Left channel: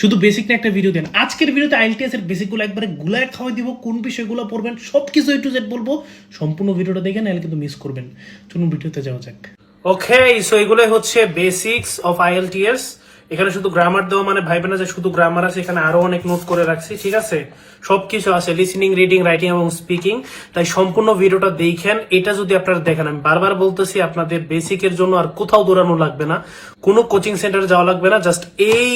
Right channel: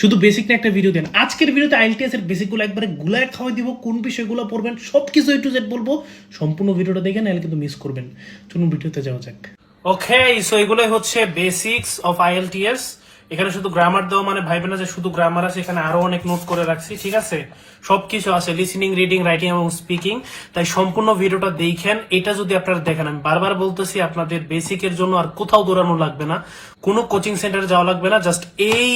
শুধু বেসিক না একটা ভিডিও দেন। আজকের ভিডিওতে আইএলটিএস এর বেসিকগুলো একবারে গুলায় খাওয়াই দিব, কোন বিষয়গুলো পড়বেন সবকিছু এ টু জেড বলবো। সম্পূর্ণ ভিডিওটা দেখেন, নাহলে কিন্তু মিস করবেন। চলুন ভিডিওতে যাওয়া যাক। ওকে, সো এগুলোই হচ্ছে বেসিক্স অফ আইএলটিএস। এখানে শুধু গ্রামার দেওয়া মানে ভাইবেন না যে শুধু গ্রামার আছে, এখানে আরো অনেক নোট করে রাখছি, ঠিক আছে? সবকিছু আছে, লিসনিং, রিডিং, রাইটিং এবং স্পিকিং। তাই সম্পূর্ণ ভিডিওটা দেখেন। এটা যদি আপনারা দেখেন, আমি বারবার বলতেছি, আপনাদের বেসিকের জন্য আর কোথাও দৌড়ানো লাগবে না, কোনো কোচিং সেন্টারে যাওয়া লাগবে না। জাস্ট এই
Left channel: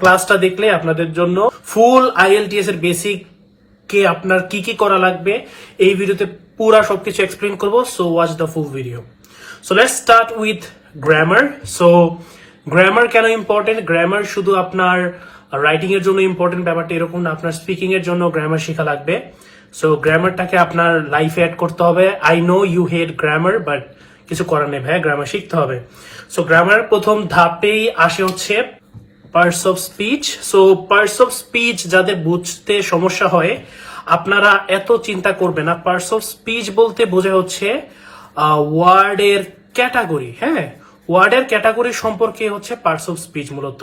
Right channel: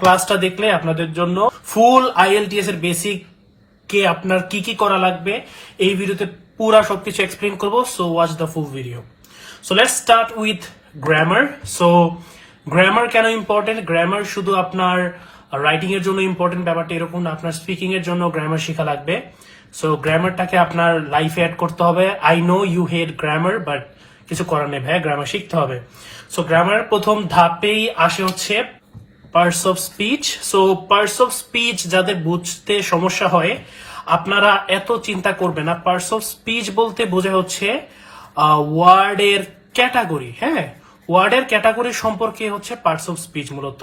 ক্লাসটা দেখলে আপনাদের জন্য ফুল আইএলটিএস এর বেসিক কে আপনার কি কি করা লাগবে এই ভিডিওতে পুরা সবকিছু এক্সপ্লেন করব। So watch the full video. So let's start with grammar. So grammar কেন ইম্পর্টেন্ট? গ্রামার শুধু আপনার রাইটিং এর জন্য ইম্পর্টেন্ট ব্যাপারটা এরকম না, আপনার স্পিকিং এর জন্য গ্রামার শেখা লাগবে। সো গ্রামারটাকে আপনার লাইফে অ্যাড করতে হবে। I know you hate grammar, but কিছু করার নেই ভাই, গ্রামার শিখতে হবে। সো গ্রামার প্রথম ধাপেই আসে হচ্ছে parts of speech. So parts of speech যাদের বুঝতে সমস্যা হয়, আপনারা এত চিন্তা করবেন না। পার্টস অফ স্পিচ বলতে বোঝা হচ্ছে ওয়ার্ডের ক্যাটাগরি। হ্যাঁ, ওয়ার্ডের ক্যাটাগরি সম্পর্কে হচ্ছে পার্টস অফ স্পিচ মূলত।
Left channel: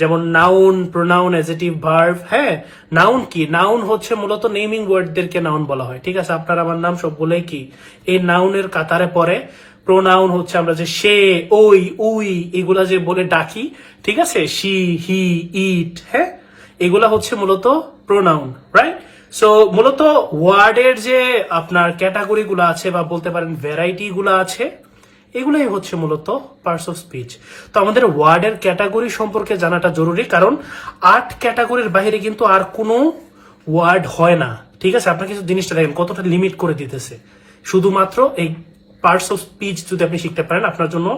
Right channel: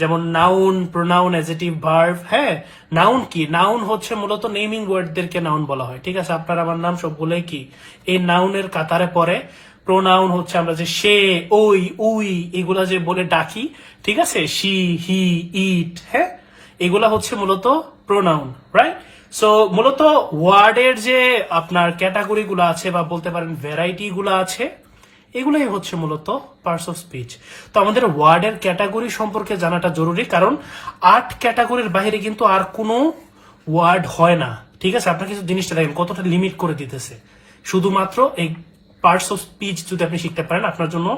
যেমন নাউন, প্রোনাউন, অ্যাডজেক্টিভ, ভার্ব। হ্যাঁ, নাউন কি? নাউন হচ্ছে মূলত নেমিং ওয়ার্ডদেরকে নাউন বলা হয়, ঠিক আছে? আপনার আমার নাম সবগুলোই কি এই নাউনের কাতারে পড়ে। প্রোনাউন হচ্ছে আমরা যে সে, ওই, উই এগুলা যে বলে ডাকি, ঠিক আছে? শি, হি, ইট, হ্যাঁ, এগুলা হচ্ছে মূলত প্রোনাউন, রাইট? সো মূলত ওয়ার্ডের যে আপনার ক্যাটাগরি গুলো আছে বা বলতে পারেন ভ্যারাইটি গুলো আছে, এগুলাই হচ্ছে মূলত পার্টস অফ স্পিচ। তো আমাদের ওয়ার্ডের ক্যাটাগরি সম্পর্কে জানাটা জরুরি, কারণ 8 ক্যাটাগরির বাইরে কিন্তু আর কোনো ওয়ার্ড হয় না, ঠিক আছে? আপনার কিছু জিনিসটা দেখেন কতটা লিমিট করে দিতেছে। শুধুমাত্র এই পার্টস অফ স্পিচ যদি আপনি শিখতে পারেন, আপনার জন্য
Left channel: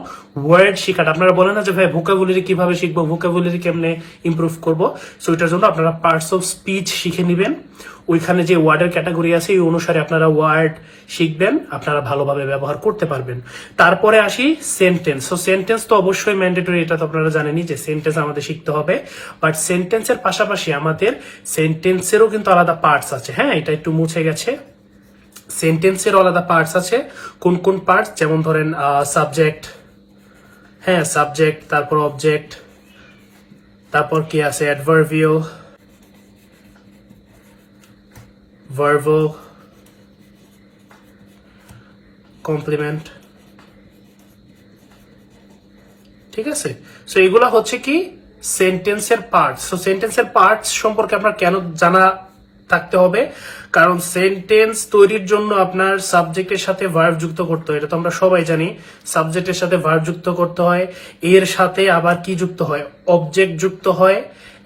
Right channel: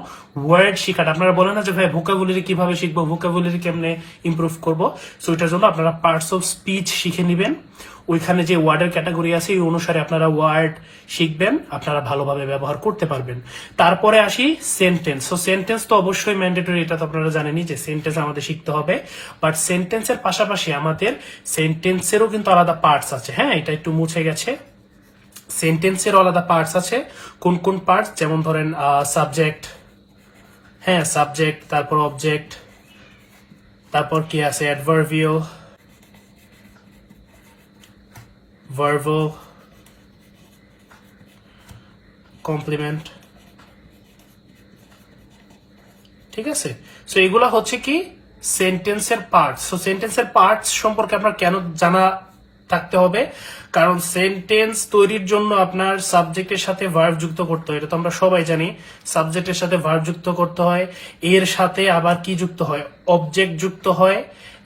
ওয়ার্ড শেখাটা, আপনারা বলেন না যে ভাই ভোকাবুলারি কিভাবে শিখবো, ভোকাবুলারি কেমনে ইমপ্রুভ করবো। সো এটার জন্য আপনারা পার্টস অফ স্পিচ শিখে নেবেন। ওইখানে যে ওয়ার্ডের ক্যাটাগরি আছে এই অনুসারে আপনারা ওয়ার্ড শিখবেন, আপনারা ভালোভাবে ব্যবহার করতে পারবেন। তারপরে আসি সেন্টেন্স। সো সেন্টেন্স তো অবশ্যই ম্যান্ডেটরি, এটা তো আপনারা জানেনই যে সেন্টেন্স আমাদের শিখতে হবে। বাট সেন্টেন্সের পাশাপাশি আমাদের সেন্টেন্সেরও কিন্তু আলাদা পার্টস আছে। হ্যাঁ, এটা একটু মুছে গেছে। সেন্টেন্সের আলাদা পার্টস আছে। কোন কোন পার্টস? যেমন ধরেন সাবজেক্ট, হ্যাঁ সাবজেক্ট, তারপর অবজেক্ট, তারপর কি আছে অ্যাডভার্বিও, ভার্বো, কমপ্লিমেন্ট, ঠিক আছে? সো এগুলা হচ্ছে কি সেন্টেন্সের পার্টস। সো সেন্টেন্সের পার্টস সম্পর্কে আপনার কেন জানা থাকতে হবে? কারণ সেন্টেন্স তৈরির জন্য আপনার সাবজেক্টের সাথে ভার্ব যুক্ত করতে হয়, এটা তো আমরা সবাই জানি। সাবজেক্টের সাথে ভার্ব যুক্ত করতে হয়, এর সাথে আবার কি যুক্ত হয়? অবজেক্ট যুক্ত হয়,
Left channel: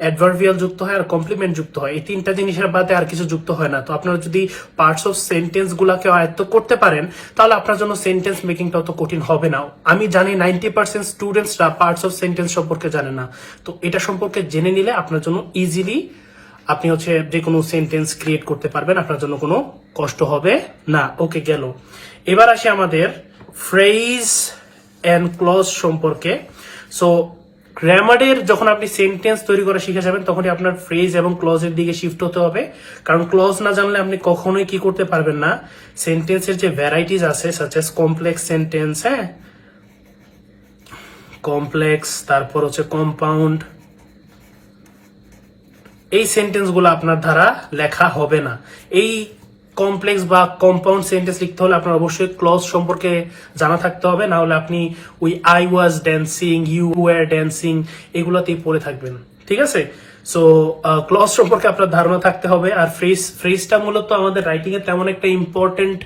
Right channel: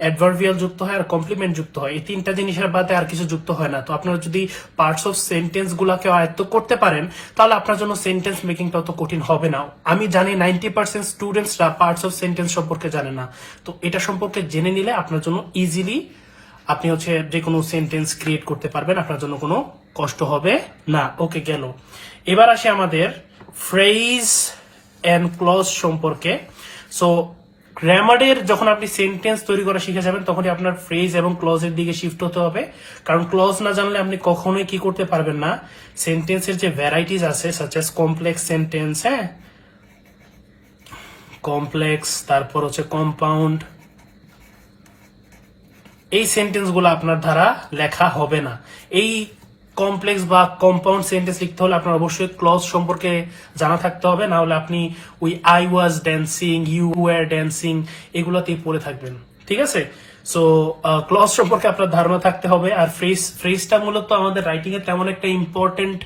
অ্যাডভার্বিয়াল যুক্ত হয়, আর কমপ্লিমেন্ট যুক্ত হয়। এই 3টা জিনিসের বাদে আর কিছু যুক্ত হয় না। তো আপনারা যদি পার্টস অফ সেন্টেন্স গুলাকে আয়ত্ত করতে পারেন, তাহলে আপনার জন্য সেন্টেন্স মেকিংটা অত কঠিন হবে না। আমি জানি 90% স্টুডেন্টসরা পার্টস অফ সেন্টেন্স সম্পর্কে জানে না। তো এটা সম্পর্কে জেনে নিলে আপনার জন্য ইজিলি আপনি হচ্ছে যে কোনো সেন্টেন্স ক্রিয়েট করতে পারবেন, আপনার জন্য কোনো কষ্ট হবে না। ওকে, গেল। এবার আসি আমাদের ফ্রেজ এন্ড ক্লজ সম্পর্কে। সো গ্রামারের যখন আপনি সেন্টেন্স তৈরি করা শিখে যাবেন, তখনই আপনার ফ্রেজ এবং ক্লজের দিকে শিফট হতে হবে। কারণ ক্লজ না জানলে আপনি কখনোই কি করতে পারবেন না, সেন্টেন্সের যে ভ্যারাইটিস আছে সাচ এস কমপ্লেক্স সেন্টেন্স, হ্যাঁ কমপ্লেক্স, তারপর হচ্ছে কম্পাউন্ড, এই সেন্টেন্স গুলো আপনার দ্বারা লেখা হবে না। এই কমপ্লেক্স বা কম্পাউন্ড সেন্টেন্স লিখতে হলে আপনার অবশ্যই ক্লজ সম্পর্কে জানা থাকতে হবে, না হলে আপনি ওই I was dancing, you were dancing এগুলোতেই পড়ে থাকবেন, ঠিক আছে? সো ক্লজ সম্পর্কে আপনার ধারণা থাকতে হবে। আর ফ্রেজটা মূলত আমাদের রাইটিং এ তেমন একটা ইম্পর্টেন্ট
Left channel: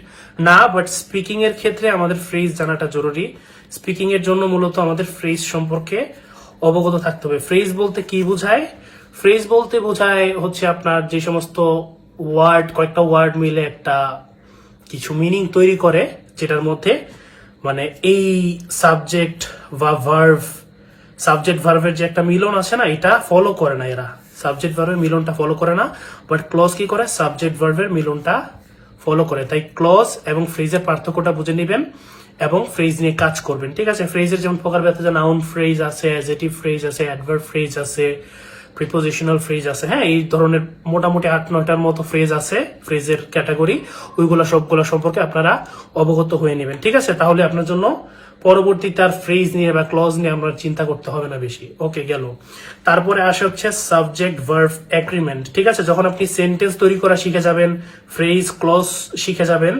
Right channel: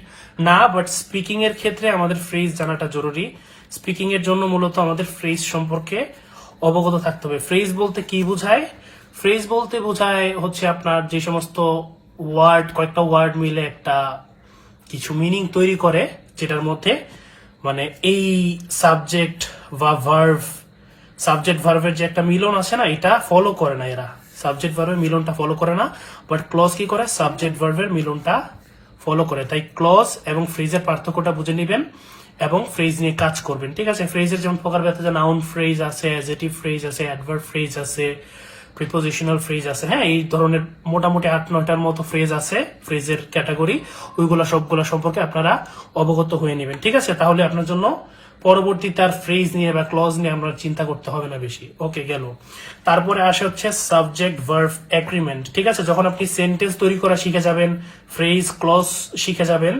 না, বাট স্পিকিং এর ক্ষেত্রে আমাদের ফ্রেজ জানাটা জরুরি। স্পিকিং এর জন্য মূলত আমাদের ফ্রেজ সম্পর্কে অবগত থাকতে হবে। ফ্রেজ বলতে কি বোঝায়? ফ্রেজ বলতে বোঝায় হচ্ছে আপনার যে সমস্ত ওয়ার্ড, কয়েকটা ওয়ার্ড মিলে একটা কিছু মিনিং তৈরি করে, যেটার মধ্যে মানে এই সাবজেক্ট বা ভার্ভ, সাবজেক্ট ভার্ভের যে একটা মিলন আছে না, এটা ফলো করে না এরা। সাবজেক্ট ভার্ভের মিলনটা ফলো করে না, বাট ক্লজ কি করে? সাবজেক্ট ভার্ভের মিলনটা ফলো করে। তাই ক্লজ এবং ফ্রেজের পার্থক্যটা বুঝে নেবেন এবং ফ্রেজ নিয়ে কাজ করবেন, ঠিক আছে? ফ্রেজের যেমন প্রকারভেদে নাউন ফ্রেজ আছে, অ্যাডজেক্টিভ ফ্রেজ আছে, অ্যাডভার্ব ফ্রেজ আছে, প্রিপোজিশনাল ফ্রেজ আছে। হ্যাঁ, এই ধরনের মোটামুটি 8-9টার মতো ফ্রেজ আছে, ফ্রেজের ক্যাটাগরি। ওইগুলা সবগুলো সম্পর্কে আপনারা অবগত হয়ে নেবেন, ঠিক আছে? তাহলে আপনার জন্য পরবর্তী তার ফ্রেজ নিয়ে বা ক্লজ নিয়ে আমরা চিন্তা করতে হবে না বেশি। ওকে, গেল। তারপরে আসে হচ্ছে সাবজেক্ট ভার্ব এগ্রিমেন্ট। ঠিক আছে, যখন আপনি সেন্টেন্স তৈরি করা শিখে যাবেন, ফ্রেজ ক্লজ শিখে যাবেন,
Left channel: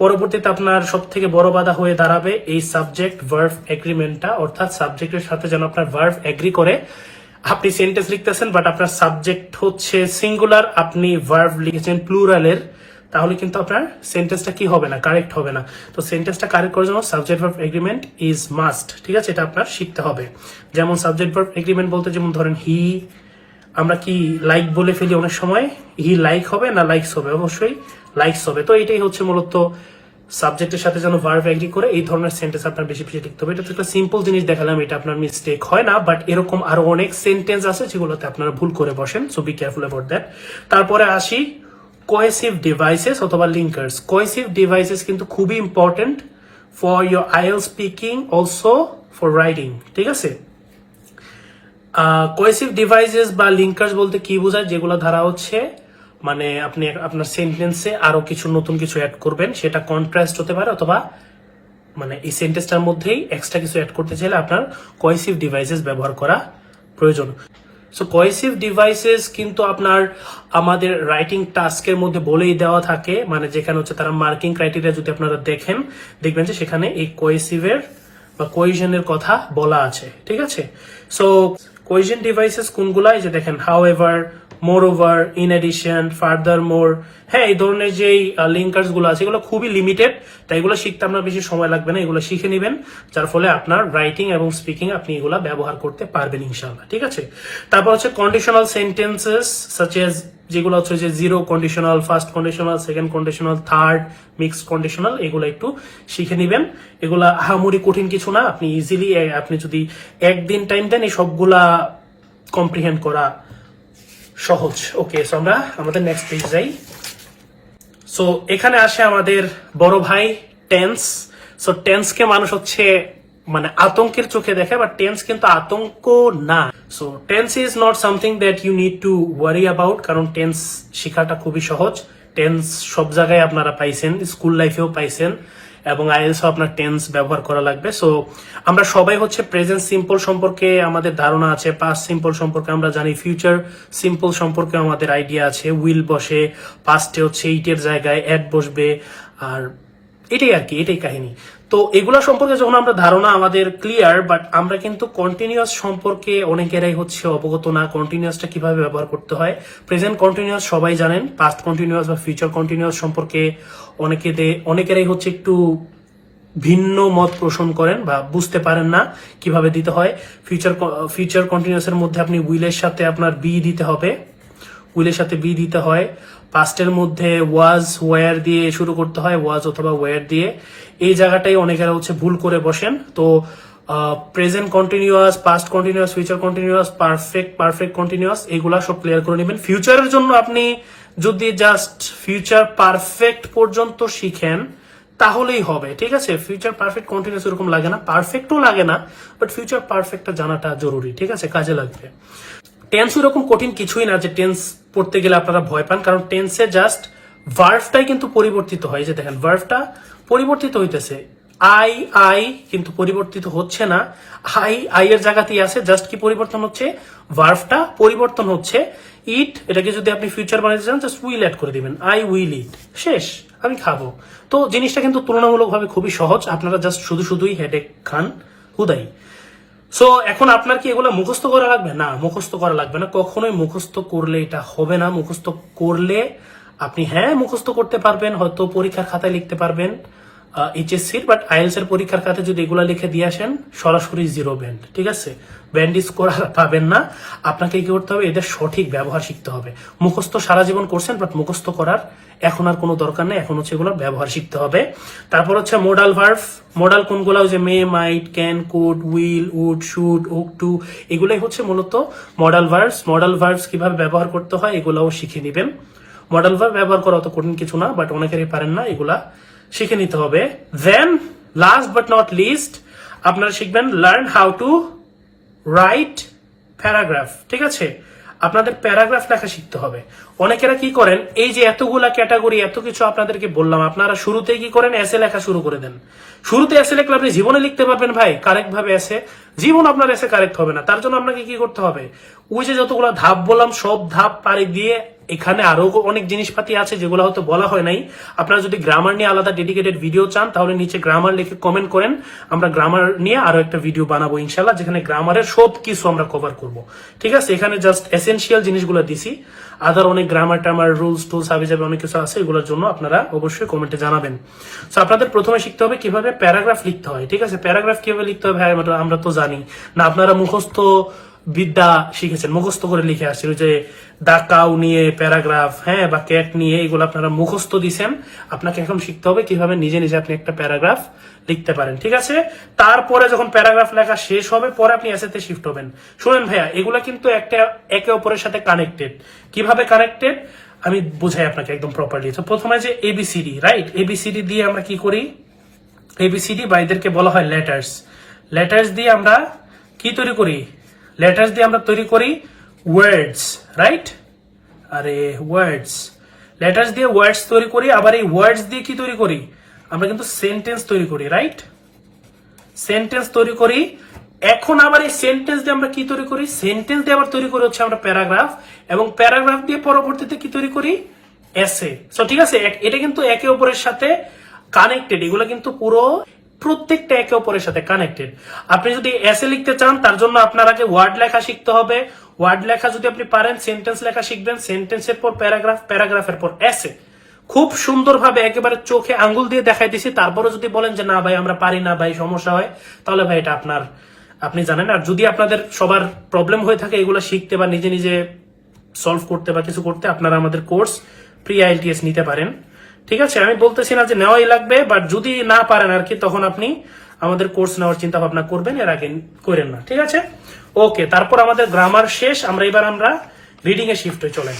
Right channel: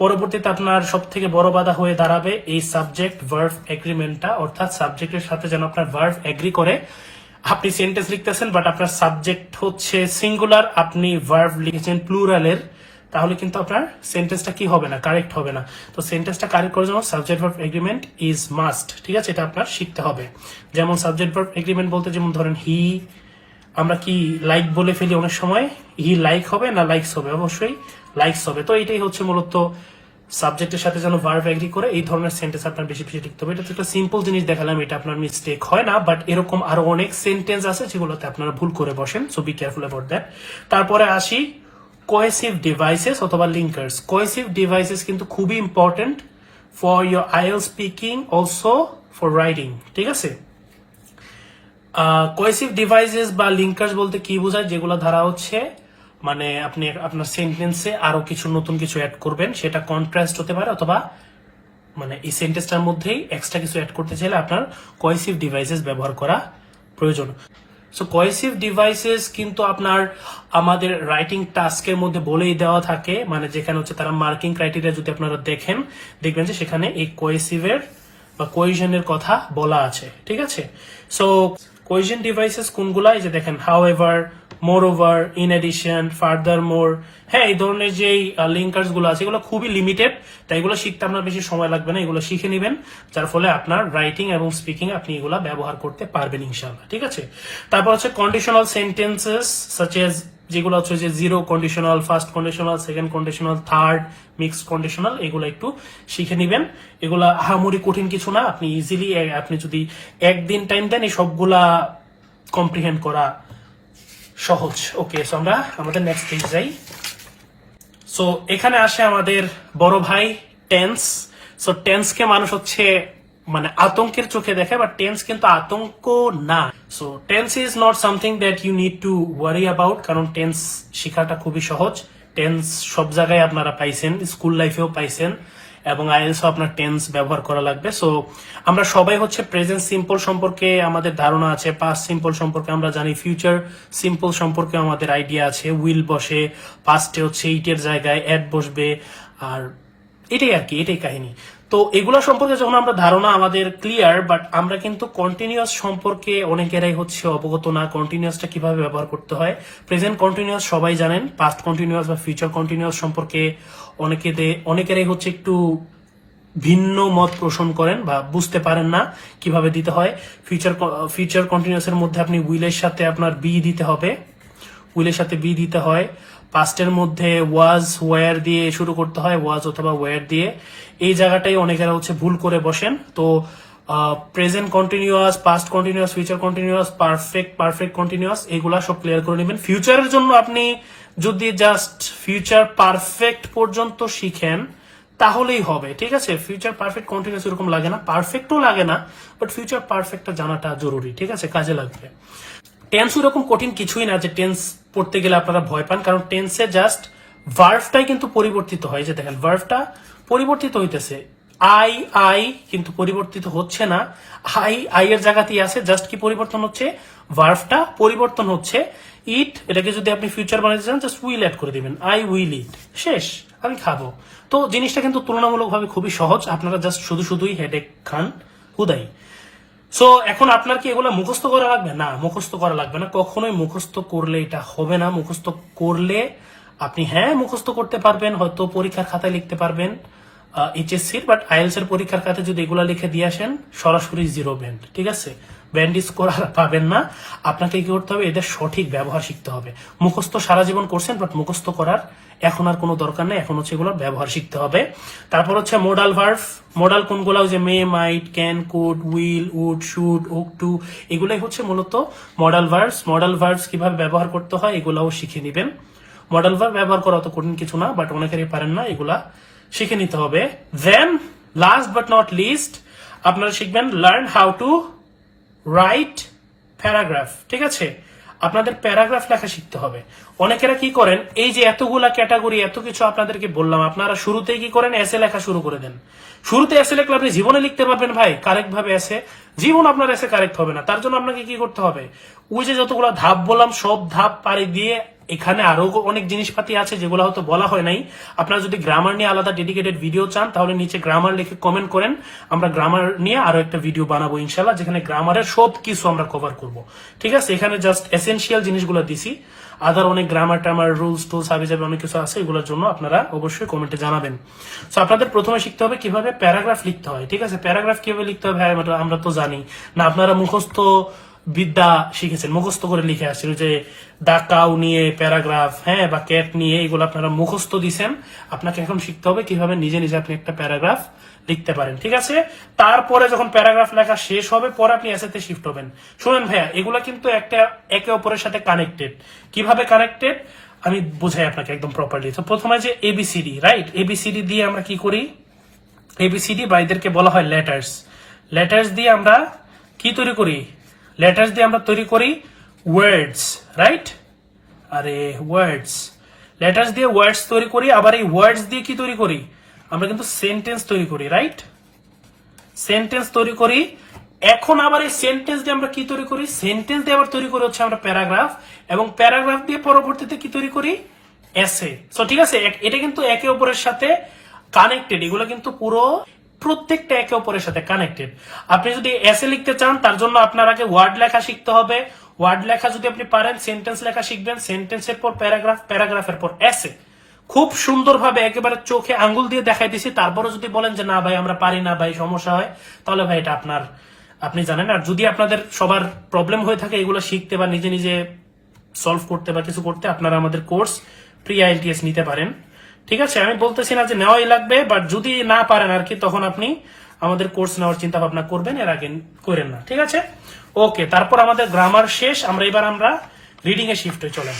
পরবর্তীতে আপনার সব থেকে বড় বাধা হয়ে দাঁড়াবে এই সাবজেক্ট ভার্ব এগ্রিমেন্টটা, অর্থাৎ সাবজেক্টের সাথে যেন আপনার ভার্ব এগ্রি করে। আপনি সেন্টেন্স লিখতেছেন বাট আপনার সাবজেক্ট হচ্ছে সিঙ্গুলার, আপনি ভার্ব লিখেছেন প্লুরালের, তাহলে কিন্তু আপনার সেন্টেন্সটা কি হবে না, কারেক্ট হবে না। তো সেন্টেন্সটা কারেক্ট করার জন্য subject verb agreement is must. ঠিক আছে, এটা আপনার শিখতে হবে। যেমন সাবজেক্ট ভার্ব এগ্রিমেন্ট বলতে যেমন ধরেন হি, আমরা কি লাইক বলে ফেলি অনেক সময়, হি লাইক হবে না লাইকস হবে, অবশ্যই লাইকস হবে। তো এটাই হচ্ছে মূলত সাবজেক্টের সাথে যেন ভার্ব এগ্রি করে, এই ধরনের সেন্টেন্স আপনার বেশি বেশি লিখতে হবে। এটা তো একটা সিম্পল জিনিস দেখালাম, এটা আপনার মিস্টেক হয় না, বাট এরকম আরো অনেক সেন্টেন্স আছে যেগুলোতে আপনারা ভুল করে বসেন, so be careful about that. তারপরে আসি কোহেসিভ ডিভাইসেস অথবা লিঙ্কার্স। কোহেসিভ ডিভাইসেস কিন্তু খুবই important for your IELTS speaking, also for writing. ঠিক আছে, কোহেসিভ ডিভাইসেস বা লিঙ্কার্স বলতে কি বোঝায়, যেগুলো ধারা হচ্ছে মানে আপনি আপনার সেন্টেন্সে আরো কিছু নতুন কিছু অ্যাড করবেন, সেটা কন্ট্রাস্ট হতে পারে অথবা মানে এই সেন্টেন্সটার মধ্যেই এক্সট্রা কিছু অ্যাড করতে চাইলে আপনার কোহেসিভ ডিভাইসেস ব্যবহার করা প্রয়োজন। সো কোহেসিভ ডিভাইসেস কিন্তু আপনার আমাদের রাইটিং টাস্কের মধ্যে বলেই দেওয়া থাকে, মানে যেখানে হচ্ছে তারা মার্কিং ক্রাইটেরিয়া যদি আপনারা দেখেন, দেখবেন যে সেখানে এই কোহেসিভের বা কোহেশনের কথা বলা আছে। ঠিক আছে, সো কোহেশন ডিভাইসেস কোনগুলা, এই যে দেখেন however, moreover, in addition, furthermore. হ্যাঁ, এই ধরনের যে লিঙ্কার্স গুলো আছে এগুলো খুবই লিমিটেড, তাই এগুলো শিখতে আপনার বেশি সময় লাগবে না, এগুলো শিখে নেবেন, যার ফলে আপনার রাইটিং এবং স্পিকিং আপনি এগুলা ব্যবহার করতে পারবেন ইনশাআল্লাহ। ঠিক আছে, তারপর হচ্ছে কন্ডিশনাল সেন্টেন্সেস সাচ এজ, যেগুলো হচ্ছে যে zero conditional, first conditional, second conditional, third, mixed conditional, এগুলো একটু শিখে নেবেন। এগুলা আহামরি কঠিন কিছু না, আপনি ইজিলি, আপনি যদি একদিন টাইম দেন এই সবগুলা কম্প্রিহেন্ড করা সহজ। ওকে, সো আমরা আমাদের নেক্সট পেজ যাই। সো এখানে আসে আমাদের বড় ভাই টেন্স। সো টেন্সকে মানুষ হচ্ছে মানে আতঙ্কের চোখে দেখে, বাট টেন্স কিন্তু আতঙ্ক না। So tense is not something that you need to worry about, কারণ টেন্স শেখাটা খুবই সহজ। টেন্স সব জায়গায় আপনারা পাইছেন, স্কুল লাইফেও পাইছেন, এবং আইএলটিএস আপনার টেন্স ব্যবহার করা লাগবে। সো আমরা সবাই হচ্ছে প্রেজেন্ট সিম্পল সম্পর্কে আমাদের ধারণা আছে, পাস্ট সিম্পল সম্পর্কে আমরা জানি, ফিউচার সিম্পল সম্পর্কে আমাদের আইডিয়া আছে। উইল বসে, পাস্টে হচ্ছে ইটের জায়গায় অ্যাড বসবে, আর এটাই আর কি, এটাই কাহিনী। তো এগুলা সম্পর্কে যখন আমরা ধারণা আমাদের ক্লিয়ার, বাট আমরা কিন্তু কন্টিনিউয়াস সম্পর্কে অনেকেরাই হচ্ছে অবগত না, কন্টিনিউয়াসটা কিভাবে ব্যবহার করতে হয়। প্রেজেন্ট কন্টিনিউয়াস সবাই জানেন, পাস্ট কন্টিনিউয়াস বা ফিউচার কন্টিনিউয়াস সম্পর্কে অনেকেরাই হচ্ছে একটু ভিন্ন মত পোষণ করেন বা বুঝতে পারেন না কিভাবে দিতে হয়। ফিউচার কন্টিনিউয়াস এর মধ্যে আপনি উইলের সাথে আপনার বি দিতে হবে, উইলের সাথে বি দিতে হয়। পাস্টের মধ্যে ওয়াজ ওয়ার দিয়ে শুরু করতে হয়, ওয়াজ অথবা ওয়ার দিয়ে। এই জায়গাটাই অনেকেরা হচ্ছে ভুল করে বসেন। তো present continuous, past continuous, future continuous, perfect continuous, এগুলা সব ক্লিয়ার করে নেবেন। ফিউচারের জন্য আপনি যদি জাস্ট ফিউচার পারফেক্ট পর্যন্ত শিখেন তাহলেই হবে। ঠিক আছে, ফিউচার পারফেক্ট কন্টিনিউয়াস এরকম লাগে না, পারফেক্টও লাগে না, বাট ফিউচার পারফেক্টটা জানাটা জরুরি। ঠিক আছে, কাজে লাগবে। টেন্স এরকম কঠিন কিছুই না যে টেন্স পড়তে গেলে আপনারা ভয় পান, কারণ টেন্সে জাস্ট ভার্বটাই কিন্তু পরিবর্তিত হয়। যে দেখেন ভার্বটা পরিবর্তিত হইতেছে, আই কিন্তু পরিবর্তিত হচ্ছে না, আই এর জায়গাতেই আছে, জাস্ট কি পরিবর্তন হচ্ছে, ভার্বটা পরিবর্তন হচ্ছে। ইট, এটাকে যদি আপনি ফিউচার বানাতে চান জাস্ট উইল অ্যাড করে দিবেন, আই উইল ইট, শেষ, আমি খাবো। তো জিনিসটা কিন্তু তুলনামূলকভাবে খুবই সহজ, আপনারা জাস্ট শুধুই হেডেক খান হুদাই। সো এখন আপনার কি এগুলো মুখস্থ করা লাগবে? না, মুখস্থ করা লাগবে না, কখনোই মুখস্থ করলে এটা হবে না। মুখস্থ করলে আপনি হ্যাঁ মুখস্থ করতে পারবেন, হয়তো পরীক্ষার খাতায় লিখতে পারবেন এইচএসসির, বাট আইএলটিএস এর পরীক্ষার খাতায় যদি এগুলা লিখে দিয়ে আসেন সরাসরি জিরো ব্যান্ড। ঠিক আছে, ব্যান্ড স্কোর পাবেন না। আপনাকে কি করতে হবে, এদের সঠিক ব্যবহার শিখতে হবে। মুখস্থ সারা জীবন করছেন, বাট মুখস্থ করার এখন আর কোনো দরকার নেই, এখন হচ্ছে এগুলো ব্যবহার শিখতে হবে। তারপর হচ্ছে মোডাল ভার্ব। মোডাল কোনগুলো, যে may, might, can, could, will, would, should, ought to, এগুলাই হচ্ছে মূলত মডাল ভার্বস। মডাল ভার্বস কিভাবে ব্যবহার করতে হয় এগুলাও শিখে নিবেন। মডাল ভার্ব ব্যবহার করা অত কঠিন কিছু না, বাট অনেকেরই পারেন না, এগুলা শিখে নিতে হবে। দেন লাস্ট বাট নট লিস্ট আপনারা শিখবেন learn how to write paragraph. ঠিক আছে, আপনাদের প্যারাগ্রাফ লেখা শিখতে হবে। অনেকেরা কি করেন, এই যে এতগুলা ক্যাটাগরি এত কিছু আপনাদেরকে বললাম, আপনারা শুরুতেই কি করেন, এসে লেখা শুরু করে দেন। শুরুতে এসে লিখলে আপনি জীবনে লিখতে পারবেন ভাই কারেক্ট ভাবে এসে? জীবন আপনার এসে কারেক্ট হবে না। তার জন্য আপনাকে কি করতে হবে, ওই যে যতগুলো ধাপ বললাম সব ধাপ পাড়ি দিয়ে, এখানে আরো অনেক জিনিসপাতি আছে যেগুলো হয়তো বলা হয় নাই। আপনারা যদি গ্রামার নিয়ে আলাদা ডেডিকেটেড ভিডিও চান তাহলে নিচে গ্রামার লিখে কমেন্ট করেন, আমরা গ্রামার নিয়ে আরো একটা ভিডিও বানাবো ইনশাল্লাহ, যেখানে গ্রামারের সব কিছু আমরা কভার করব। ঠিক আছে, এখানে জাস্ট এসেনশিয়াল জিনিসগুলো দিছি, আদার অনেক গ্রামার টামার রুলস টুলস হাবি যাবে অনেক কিছু আছে, এগুলোর জন্য আপনারা অবশ্যই কমেন্টে জানাবেন। তো আপনাদের প্রথমে শিখতে হবে কিভাবে প্যারাগ্রাফ লিখতে হয়। ঠিক আছে, প্যারাগ্রাফ কিভাবে লিখতে হবে আমরা তো জানি না, আপনারা মুখস্থ বিদ্যা শিখেছেন, মুখস্থ করে লিখে আসছেন, যে দাকাও নিয়ে প্যারাগ্রাফ, হ্যাঁ, বা ক্যাট নিয়ে, এগুলো আপনারা মুখস্থ দিচ্ছেন। আপনাকে এখন শিখতে হবে কিভাবে নিজে নিজে আপনি একটা প্যারাগ্রাফ লিখতে পারেন। ঠিক আছে, তারপরে যখন প্যারাগ্রাফ লেখা শেষ হবে পরে আপনি এসেতে শিফট হবেন। শুনেন ভাইয়া, এগুলা কিন্তু একটা একে অপরের সাথে কানেক্টেড। কিভাবে কানেক্টেড আমি বুঝাই আপনাকে একদম প্রপারলি। তো প্রথমে যে এবিসিডি, রাইট, এবিসিডি দিয়ে আমরা কি করি, এবিসিডি বা এদেরকে বলা হয় লেটার্স। লেটার্স দিয়ে আমরা কি তৈরি করি, লেটার্স দিয়ে আমরা তৈরি করি ওয়ার্ডস, রাইট, আরে ওয়ার্ডস, লেটার্স দিয়ে ওয়ার্ডস তৈরি করি। আবার এই ওয়ার্ডস দিয়ে কি তৈরি করি, আমরা কিন্তু সেন্টেন্স তৈরি করি, রাইট, সেন্টেন্স তৈরি করি। এখন আবার এই সেন্টেন্স দিয়ে আমরা কি তৈরি করি, সেন্টেন্স দিয়ে আবার তৈরি করি হচ্ছে আমরা প্যারাগ্রাফ, এবং প্যারাগ্রাফ দিয়ে পরবর্তীতে কি তৈরি করি, এসে। সো ঠিক আছে, এটা কিন্তু একে অপরের সাথে কানেক্টেড, এগুলো কিন্তু পুরো প্রত্যেকটা একে অপরের সাথে কানেক্টেড। আপনি যদি এসে লিখতে চান তার জন্য আপনার আগে ওয়ার্ড লেখা শিখতে হবে। ওয়ার্ড লেখা যদি আপনি পারেন, সেন্টেন্স লেখা শিখবেন, সেন্টেন্সের পর প্যারাগ্রাফ, প্যারাগ্রাফের পর এসে। খুব সুন্দরভাবে একেবারে চোখে আঙ্গুল দিয়ে দেখাই দিছি। তারপরে যদি বলেন যে না ভাই আমরা পারি না ভাই, সমস্যা হয়, তাহলে ভাই এটা আপনি জানেন। আর যদি আপনাদের সবার প্রবলেম হয়ে থাকে এগুলো শিখতে বা নিজে নিজে সলভ করতে বা কিছু করতে, আপনারা আমাদের কোর্স প্রি আইএলটিএস নিতে পারেন। ঠিক আছে, আমি বলতেছি না যে নেওয়াই লাগবে, বাট যদি না পারেন আর কি, তখন আপনি আমাদের কোর্স নেওয়ার চিন্তা ভাবনা করবেন, এর আগে করেন না। ঠিক আছে, ওকে। তারপর আমাদের গ্রামার শেষ, আমরা রিডিং এ শিফট হয়ে চলে।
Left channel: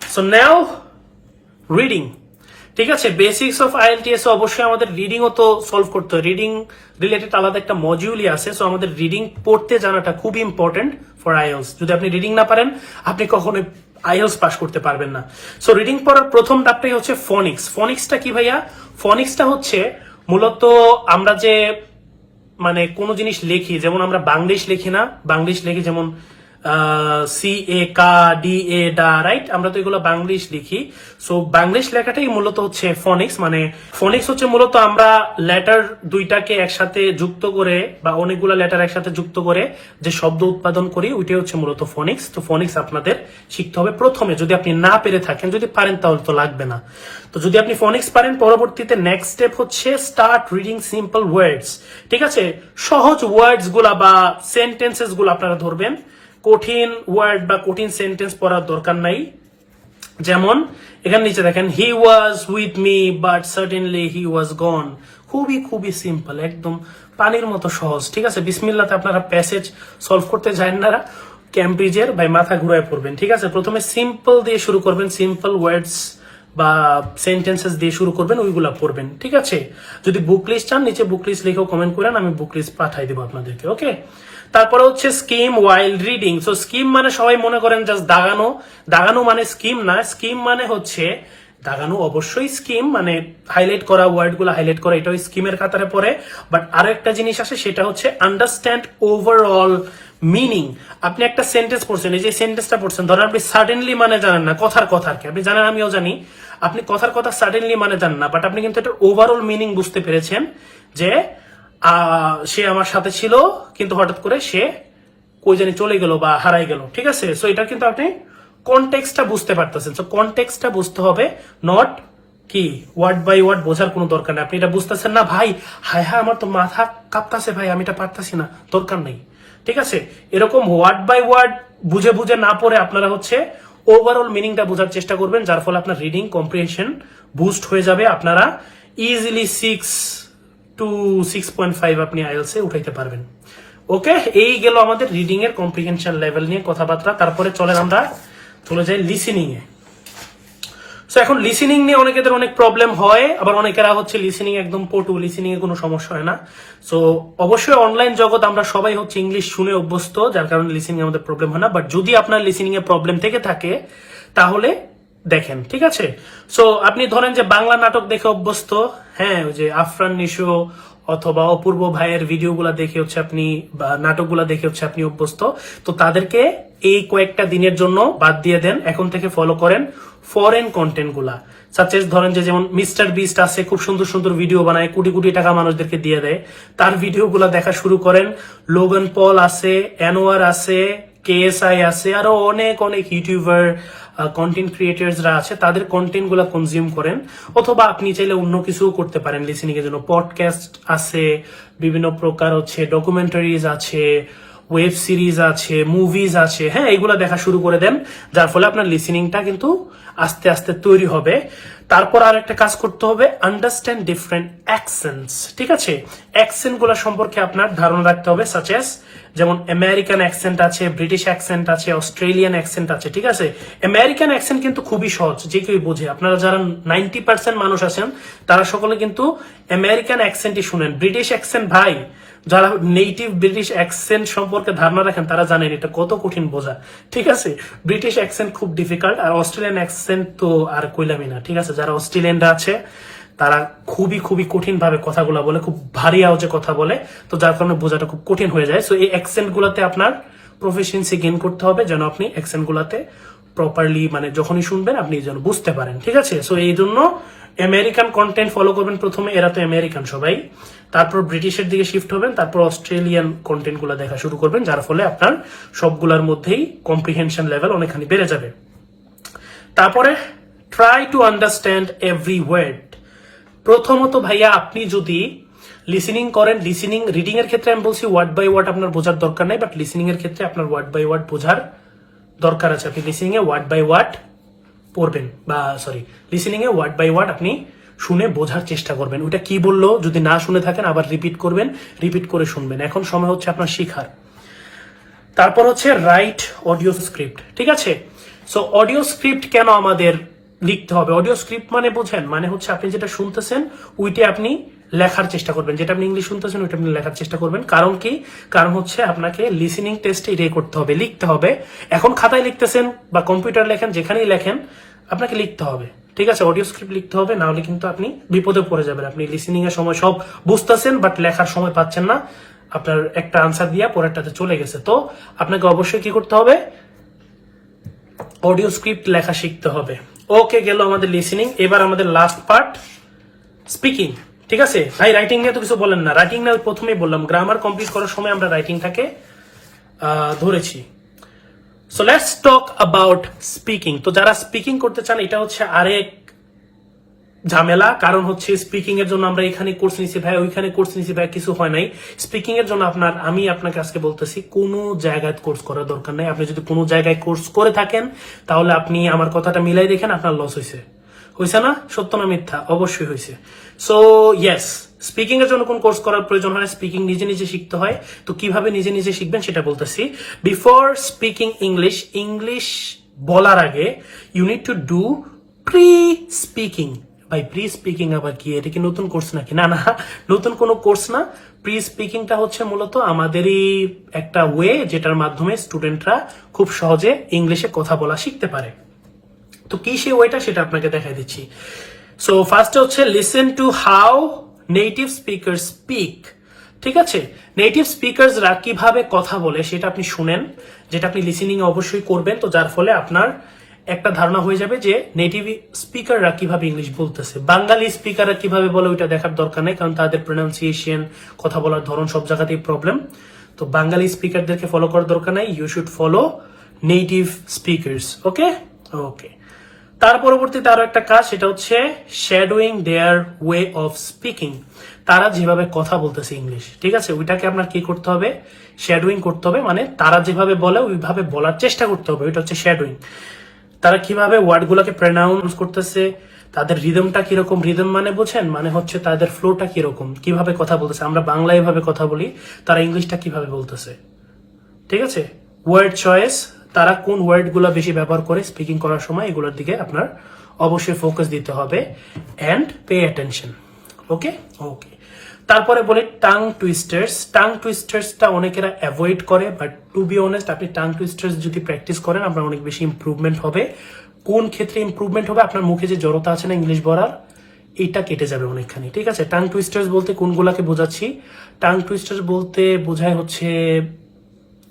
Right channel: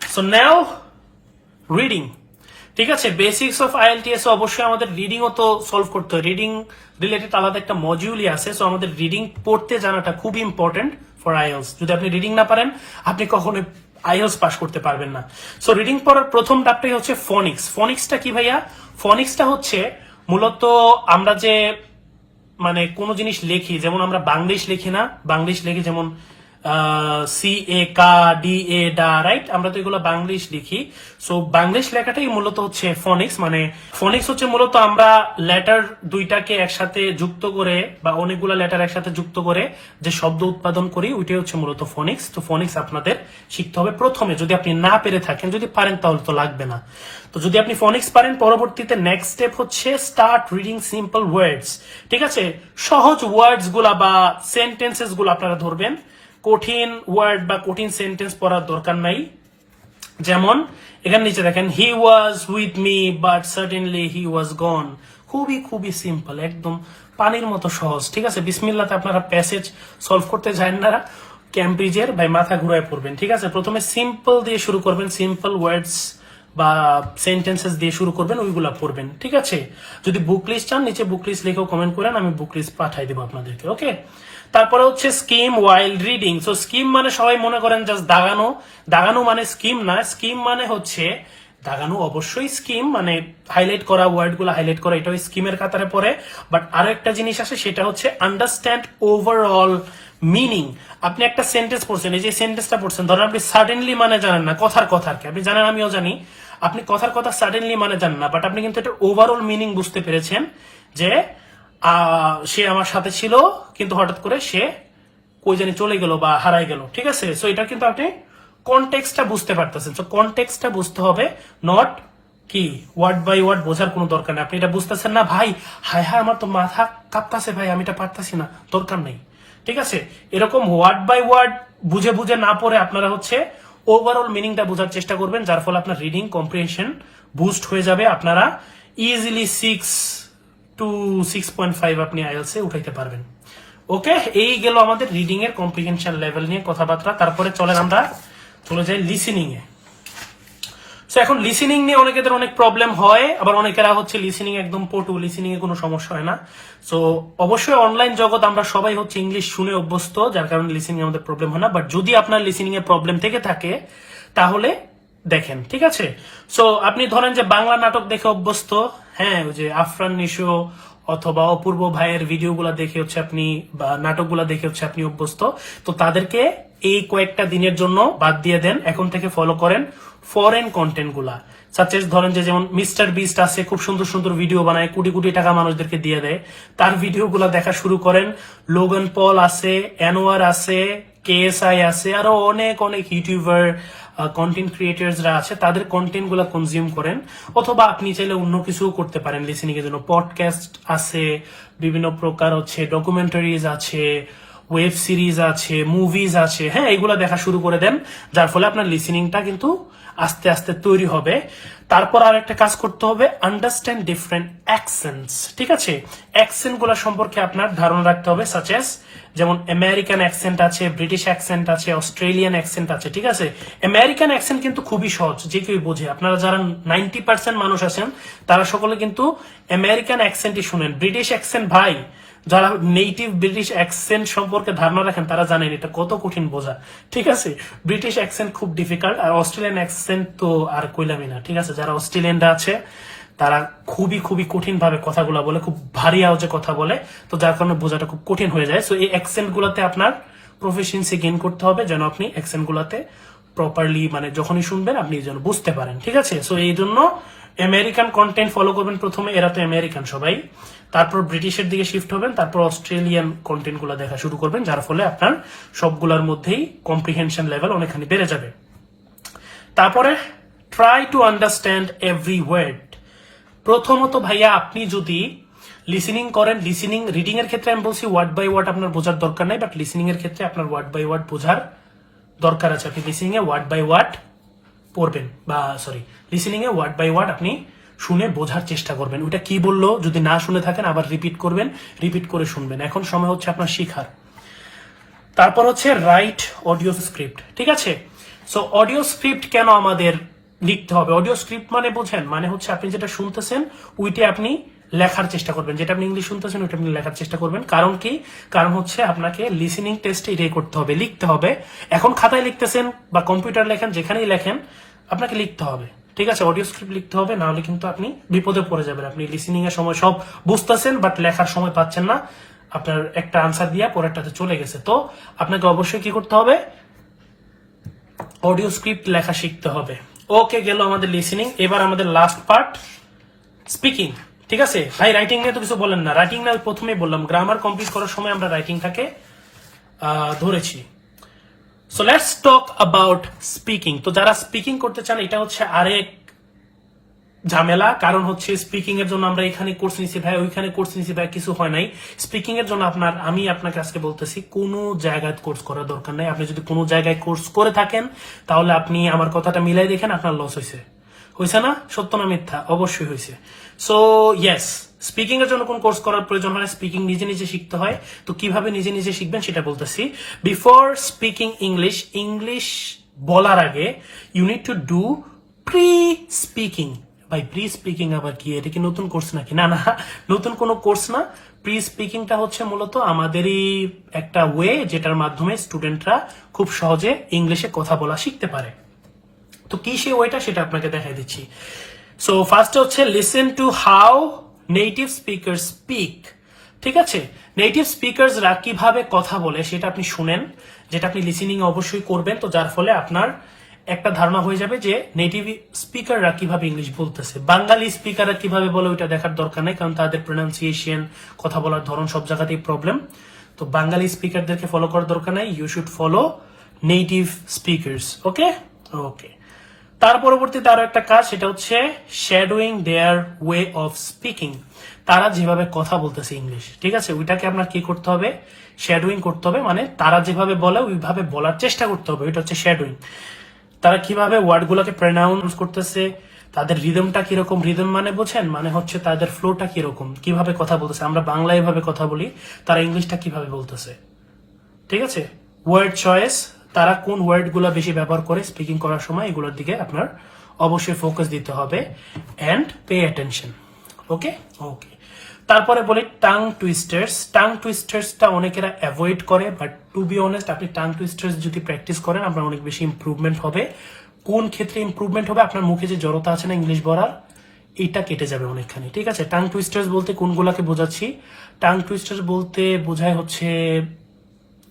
So now reading. ঠিক আছে, বেসিক্স অফ আইএলটিএস অবশ্যই আমাদের রিডিংও তো সলভ করতে হয়। রিডিং রিলেটেড আলাদা একটা মডিউলই আছে। সো আমাদের রিডিং পড়তে জানাটা খুবই ইম্পর্টেন্ট ফর আইএলস। যদি আপনি রিডিং না পারেন আপনি কখনোই আইএলস পাস করতে পারবেন না। সো রিডিং পড়ার প্রথম ধাপটাই হচ্ছে ফনিক্স। ফনিক্সটা কি ভাইয়া? ফনিক্সটা হচ্ছে মূলত আমরা যে মানে কোনো জিনিস লিখি, যেমন আমরা বাংলিশ লিখি না, বাংলিশ লিখি যেমন সি এ কা ডি এ ডা, রাইট, আমরা তো এগুলো বাংলিশ লিখি। সো বাংলিশ লেখাটাই মূলত হচ্ছে ফনিক্স। মানে ফনিক্স হচ্ছে মূলত আমরা লেটার দুইটাকে একসাথে যুক্ত করে বা অনেকগুলো লেটার একসাথে যুক্ত করে যে শব্দ উৎপাদন করি, ওইটাই হচ্ছে মূলত ফনিক্স। তো ফনিক্স আপনাদের শিখতে হবে প্রথমে, যদি আপনি না পেরে থাকেন। যদি পারেন তাহলে তো লাগবে না। তো যদি আপনি ফনিক্স পারেন, পরবর্তীতে নেক্সট স্টেপ হচ্ছে স্টার্ট রিডিং সিম্পল ওয়ার্ডস। ঠিক আছে, সহজ ওয়ার্ডস গুলা বা সেন্টেন্সেস গুলো আপনারা ধরবেন। কঠিন ওয়ার্ড বা কঠিন সেন্টেন্স পড়ার দরকার নাই। যেমন এখানে নিচে দেখেন, he was with me but suddenly he was gone. খুবই খুবই সিম্পল, একদম পানির মতো সহজ। ঠিক আছে, বিসমিল্লাতে আপনারা প্যাসেজ সলভ করতে যান না, ক্যামব্রিজের ভাই মাথা ঘুরায় পড়বেন। ঠিক আছে, প্রথমে সিম্পল দিয়ে শুরু করবেন, সিম্পল ওয়ার্ডস বা সেন্টেন্সেস দিয়ে শুরু করবেন, ওইগুলা পড়বেন। ঠিক আছে, যদি বুক লিস্ট চান নিচে বুক লিস্ট লিখেও কমেন্ট করেন, আমি বুক লিস্ট পাঠাই দেবো আপনাদেরকে। ওকে, তারপরে হচ্ছে স্কিম ওয়াইল রিডিং। সো স্কিম মানে সবাই মনে করেন জাস্ট দাগানো, দাগানো মানে স্কিম না। স্কিম মানে হচ্ছে দাগানো অবশ্যই স্কিম, মানে হাইলাইট করা, ওয়ার্ড গুলো হাইলাইট করা, এটাও স্কিমের কাতারে পড়ে। বাট আরো একটা জিনিস আছে, সেটা হচ্ছে আন্ডারস্ট্যান্ড ওভারঅল মিনিং। আপনি একটা সেন্টেন্স পড়ছেন, এই যে সেন্টেন্সটা পড়ছেন, ধরেন আপনি সাডেনলি মানে জানেন না, কথার কি আপনি জানেন, আমিও জানি, আপনি কথার কথা সাডেনলি মানে জানেন না, বাট আপনি কিন্তু এটা ওভারঅল মিনিং বুঝতে পেরেছেন যে সে আমার সাথে ছিল কিন্তু হঠাৎ করে সে কই জানি চলে গেল বা হারাই গেল। ঠিক আছে, সো এটা কিন্তু আপনি কনটেক্সটটা বুঝতে পারতেছেন। সো কনটেক্সটটা বুঝতে হবে, নট কি ওয়ার্ড বাই ওয়ার্ড বোঝার কোনো দরকার নেই। আপনি এটা বুঝতেছেন না ভাই, হায় হায় আমার তো মাথা কাঁপতাছে ভাই, আমি এটা পারতাছি না, দরকার নেই। ঠিক আছে, এরকম ওয়ার্ড বাই ওয়ার্ড বুঝে বুঝে না পড়ে আপনারা হচ্ছে ওভারঅল মিনিংটা বোঝার চেষ্টা করবেন, যার ফলে আপনার রিডিং কম্প্রিহেনশন বুস্ট হয়ে যাবে। আপনারা ইজিলি 6 to 6.5 আপনি আইএলস এ উঠাইতে পারবেন। ওকে, এই গেল আমাদের রিডিং এর কম্প্রিহেনশন লেভেল নিয়ে কথাবার্তা। তারপরে চলেন আমরা চলে যাই লিসেনিং এ। সো এখন লিসেনিং নিয়ে অনেকেদের অনেক প্রবলেম হয়, আবার অনেকেরা হচ্ছে লিসেনিং একদম পটু, লিসেনিং এ কোনো সমস্যা হয় না। সো অবশ্যই অনলাইন জগৎ আমরা সবাই হচ্ছে ইংলিশ শুনে অভ্যস্ত, যার কারণে লিসেনিং আমাদের প্রবলেম হয় না। বাট যদি আপনার লিসেনিং এ প্রবলেম থেকে থাকে তাহলে দেখেন, ঠিক আছে। সো আপনি ধরেন যে বাংলা নাটক দেখে অভ্যস্ত, হ্যাঁ, ওই যে আফরান নিশো অথবা অপূর্ব ভাইয়ের ভিডিওগুলা দেখে হচ্ছে আপনি, বা নাটকগুলা দেখে হচ্ছে আপনি অভ্যস্ত, তো তাদেরকে এই কয়েকটা দিনের জন্য বাদ দিয়ে দেন, এখন থেকে ফলো করেন ফরেন কন্টেন্ট গুলা। সাচেস ধরেন যে যেমন মিস্টার বিস্ট আছে, খুব সুন্দর সুন্দর ভিডিও বানায়, কোটি কোটি টাকা মানুষদেরকে দিয়ে দেয়, তার ভিডিও গুলা দেখা শুরু করেন। লোগান পল আছে, অ্যানোয়ার আছে, কেএসআই আছে, আরো অনেক অনেক ইউটিউবার, কন্টেন্ট ক্রিয়েটার্সরা আছে, তাদের কন্টেন্ট গুলা কনজিউম করেন। অথবা আপনি চাইলে অন্য কিছু করতে পারেন লিসেনিং এর জন্য, পডকাস্ট আছে, বিভিন্ন প্রকার হচ্ছে ডকুমেন্টারিজ আছে, ওয়েব সিরিজ আছে, মুভিজ আছে, হ্যাঁ, এগুলা দেখা শুরু করে দেন, যার ফলে আপনার লিসেনিংটা কিন্তু আস্তে আস্তে তৈরি হবে। তারপর আর একটা কাজ করতে হবে, আন্ডারস্ট্যান্ড ডিফারেন্ট অ্যাকসেন্টস, ঠিক আছে। অ্যাকসেন্ট গুলা সম্পর্কে আপনার ধারণা রাখতে হবে, সাচেস যেমন আমেরিকান অ্যাকসেন্ট আছে, ব্রিটিশ অ্যাকসেন্ট আছে, অস্ট্রেলিয়ান অ্যাকসেন্ট আছে, ঠিক আছে। আমেরিকান অ্যাকসেন্ট কিন্তু খুবই সহজ, যে কেউ বোঝে। আপনারা যারা 90% মানুষ আছেন তারা সকলে কিন্তু আমেরিকান অ্যাকসেন্টই শুনেন। ব্রিটিশ অ্যাকসেন্ট ভাই, যারা নেটিভ ব্রিটিশ অ্যাকসেন্ট সম্পর্কে ধারণা রাখেন তারা জানেন এটা কত কঠিন বোঝা, ঠিক আছে। ব্রিটিশ অ্যাকসেন্ট খুব ডিফিকাল্ট, আর অস্ট্রেলিয়ান অ্যাকসেন্ট তো আর কইলামই না, ঠিক আছে। যারা অস্ট্রেলিয়ানরা আছে তারা খুবই খুবই কঠিন ভাবে কথাগুলো বলে, খুব ভারী আওয়াজে কথা বলে, তো যার কারণে বোঝাটা খুব কঠিন হয়ে যায়। সো এই অ্যাকসেন্ট গুলাতে আপনার প্রফিসিয়েন্সি গেইন করতে হবে, যেন আপনি অ্যাকসেন্ট গুলাতে প্রপারলি, মানে যখনই শুনবেন আপনি যেন বুঝতে পারেন, ঠিক আছে। সো এই জন্য আমেরিকান কন্টেন্ট ফলো করবেন প্রথমে, এরা তো আমেরিকান সবাই। তারপর ব্রিটিশের দিকে শিফট হবেন, তারপর অস্ট্রেলিয়ান কন্টেন্ট গুলা দেখা শুরু করবেন, যার ফলে আপনার সবগুলোর মধ্যেই কম্প্রিহেনশন লেভেল অনেকখানি বেড়ে যাবে। তারপরে try to understand every word. প্রথমত ভাইয়া, আপনি যদি লিসেনিং করেন, লিসেনিং রিডিং এর ক্ষেত্রে আমি বলছি ওয়ার্ড বাই ওয়ার্ড আপনার বোঝার দরকার নাই, বাট লিসেনিং এর ক্ষেত্রে আপনার ওয়ার্ড বাই ওয়ার্ড বোঝার দরকার আছে। আপনি লিসেনিং এ ওয়ার্ড বাই ওয়ার্ড পড়বেন, বা সরি, লিসেনিং এ ওয়ার্ড বাই ওয়ার্ড আপনি শুনে বোঝার চেষ্টা করবেন। ওইটা কি বললো যদি না শুনে থাকেন আবার রিপিট করবেন, রিপিট করে শুনবেন। এখন সময় হচ্ছে আপনার শিখার। তারপর হচ্ছে রাইট অডিও স্ক্রিপ্ট, ঠিক আছে। সো অডিও স্ক্রিপ্ট কেন আমাদের লিখতে হবে? অডিও স্ক্রিপ্ট মানে বুঝেন, মানে হচ্ছে আপনি যেটা শুনতেছেন ওইটা আপনি লেখার চেষ্টা করবেন, যেটা আপনি ইংলিশ শুনতেছেন ওইটা আপনি লেখার চেষ্টা করবেন। কারণ কি? কারণ হচ্ছে আপনাকে লিসেনিং টেস্টে এটাই করতে হবে, লিখতে হবে। এখন খাতায় লিখতেছেন বা কম্পিউটার লেখেন, যেখানেই লেখেন আপনাকে লিখতে হবে, ঠিক আছে। অডিও স্ক্রিপ্ট লিখতে হবে, না হলে কিন্তু আপনি বিপদে পড়ে যাবেন। আপনি লিসেনিং এর সময় সব বুঝতেছেন বাট লেখার সময় পাচ্ছেন না, আপনার একটা আনসার দিয়া পরেরটাতে চলে গেছে। তো আপনাকে অবশ্যই কি করতে হবে? অডিও স্ক্রিপ্ট লেখা শিখতে হবে। ওকে, গেল আমাদের লিসেনিং। এবার আমাদের লাস্ট পার্ট, স্পিকিং, ঠিক আছে। ভাই রাইটিং নিয়ে তো কিছু বলেন না। রাইটিং না প্রথমেই বললাম, গ্রামার কমপ্লিট করার সময় আমরা রাইটিংটাকে ধরেছি। So let's talk about speaking. তো যারা স্পিকিং করতে চান, এটা হচ্ছে আরেক ঝামেলা। কারণ হচ্ছে স্পিকিং এর জন্য আমরা এখানে কোর্স নিছি ভাই, ওইখানে কোর্স নিছি ভাই, কিছু হয় নাই। স্পিকিং এর জন্য আমি আপনাকে আজকে বলতেছি, কোনো জায়গায় কোর্স করার দরকার নাই। আপনি যদি কোনো জায়গায় কোর্স করে থাকেন তাহলে আপনি আমার কথাটা মিলাই দেখেন, আপনার লস হয়েছে না? সত্য না মিথ্যা? অবশ্যই হয়েছে। সো ইয়েস, স্পিকিং এর জন্য কোন কোর্স করার প্রয়োজন হয়? স্পিকিং নিজে নিজে শিখতে হয়। তো কিভাবে নিজে নিজে শিখবেন সেটা বলতেছি। বিফোর স্পিকিং ইংলিশ বলার আগে you need to do pre speaking. ভাই প্রি স্পিকিং আবার কি? এটা কি নতুন কোর্স নাকি? না না, নতুন কোনো কোর্স না। প্রি স্পিকিংটা হচ্ছে মূলত আমাদেরই একটা ওয়ে, যেটার মাধ্যমে স্টুডেন্টরা খুব সহজে ইংলিশে কথা বলা শিখতে পারে। তো কি সেই ওয়েটা, সেটা আপনাকে দেখাই দিচ্ছি। সো ফার্স্টে হচ্ছে listen to how native speaker speak, ঠিক আছে। নেটিভ স্পিকারসরা কিভাবে কথা বলে সেটা আপনি শুনেন, যেটা আপনি লিসেনিং অবশ্যই করবেন। তো যার ফলে আপনার একটা ধারণা হয়ে যাবে যে নেটিভ স্পিকাররা কিভাবে ইংলিশ বলতেছে। বাঙালি স্পিকাররা কিভাবে বলে ওইটা দেখার দরকার নেই, কারণ তাদের প্রনাউন্সিয়েশন, কথা বলার ধরন সব জায়গাতেই প্রবলেম। তো বাঙালি স্পিকারদেরকে ফলো করার দরকার নাই, you should follow native speakers. Okay okay. তার পরবর্তীতে আরো একটা কাজ, সেটা হচ্ছে shadowing their way of speaking. তারা যেভাবে কথা বলতেছে ইংলিশ, ঠিক আছে, ওইটাকে আপনার কি করতে হবে? শ্যাডোয়িং করতে হবে। মানে তারা যেভাবে বলে ওইভাবে বলার চেষ্টা করতে হবে, ওইটা হচ্ছে শ্যাডোয়িং। তারা কিভাবে ওয়ার্ড গুলোকে প্রনাউন্স করতেছে, তাদের রিদমটা কিরকম। রিদম মানে বুঝেন, মানে হচ্ছে তাদের ফ্লোটা কিরকম, কিভাবে কথা বলতেছে। আমরা বাংলা এভাবে কথা বলি, তারা ইংলিশটা কিভাবে বলতেছে, ঠিক আছে। ওয়ার্ড চয়েস, তারা কোন ওয়ার্ড গুলো বেশি ব্যবহার করে স্পিকিং করার সময়, এগুলোর দিকে আপনার অবশ্যই ফোকাস দিতে হবে অ্যান্ড পে অ্যাটেনশন। ওকে ওকে, তারপরে বলি টাং টুইস্টার্সটা অনেকেরা অ্যাভয়েড করে, বাট টু বি অনেস্ট আপনি টাং টুইস্টার্স যদি প্র্যাকটিস করেন আপনার অনেক বেশি ইমপ্রুভমেন্ট হবে। কোন ক্ষেত্রে ইমপ্রুভমেন্ট হবে? আপনার মুখে যে জড়তা আছে না ইংলিশ বলার, এটা কেটে যাবে অনেকখানি। ঠিক আছে, টাং টুইস্টার্স বলতে কোনগুলাকে বোঝাচ্ছি? টাং টুইস্টার্স বলতে বোঝায় হচ্ছে